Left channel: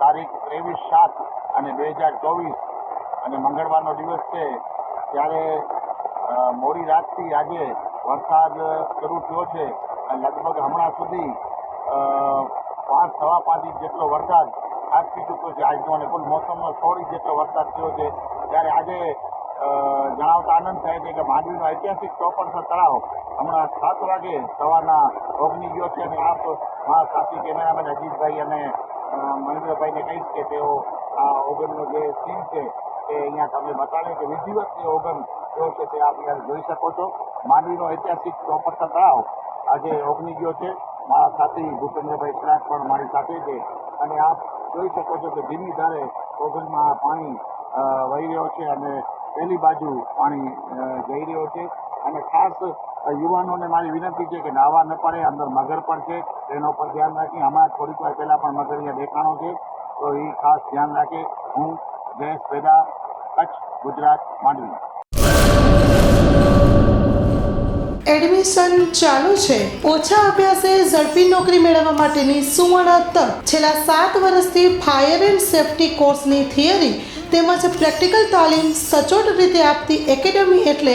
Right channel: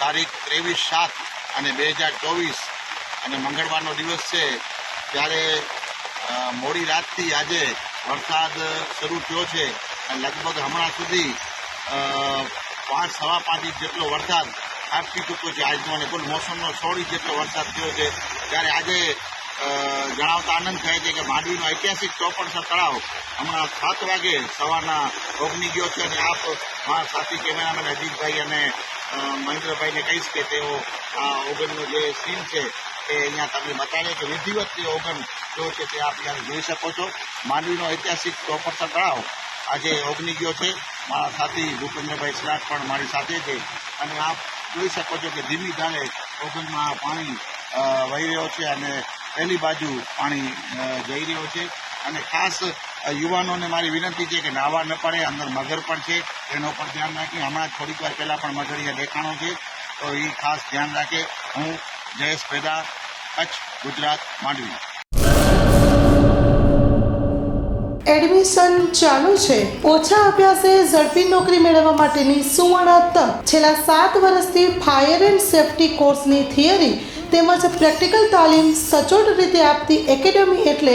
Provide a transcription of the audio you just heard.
ત્રેવીસ સાત અને બે હજાર ચોવીસ અને મંગળવારનો દિવસ છે, ત્યારે મોડી રાતથી આજે વરસાદ શરૂ થયો છે અને લગભગ હમણાં સુધી પાંચ, સવા પાંચ ઇંચ જેટલો વરસાદ આપી ચૂક્યો છે. આજનો અને કુલ મોસમનો સોળ ઇંચ જેટલો વરસાદ થયો છે. ત્યારે આજે જણાવતા આનંદ થાય છે કે માંડવીનો ઐતિહાસિક ચોપડસર તળાવ હમણાં સાત વાગે સવારના ઓગની ગયો છે અને આપ મારા સાથી કેમેરામેન અજીતભાઈ અને મહેન્દ્રભાઈને કહીશ કે તેઓ આ ઓગનનો જે સીન છે એ અહીંયા તમને બતાવીએ કે વિધિવત જે ઓગન જો છે તે આપ જોઈ શકો છો. માંડવીનો ઐતિહાસિક ચોપડસર તળાવ આજે ઓગની ગયો છે. મારા સાથી ભૂપેન્દ્રભાઈ સ્લાટ પણ મારી સાથે છે. અને આપ જોઈ શકો છો કે ધીમી ધારે ઓગનમાં પાણી વહી રહ્યો છે અને પહેલી બાજુ પાણી જઈ રહ્યો છે. અને ખાસ યુવાનોને મારી વિનંતી છે કે નાવા ન પડે, અંદર મગર પણ છે, એનો પર ધ્યાન રાખી હમણાં થોડીક વાર પહેલાં પણ મગર અહીંયા દેખાણો છે, તો એ ખાસ ધ્યાન રાખે. હું જયેશ પેદા કચ્છ ગુજરાત માંડવી. એડમિશન ચાલુ છે. ઓછા અભ્યાસે ઝડપી નોકરી મેળવવા માટેની સુવર્ણ તક. છેલ્લા સાત વર્ષથી ફાયર એન્ડ સેફટી કોર્સની થિયરી તેમજ પ્રેક્ટિકલ તાલીમ સચોટ રીતે આપતી એકેડમી એટલે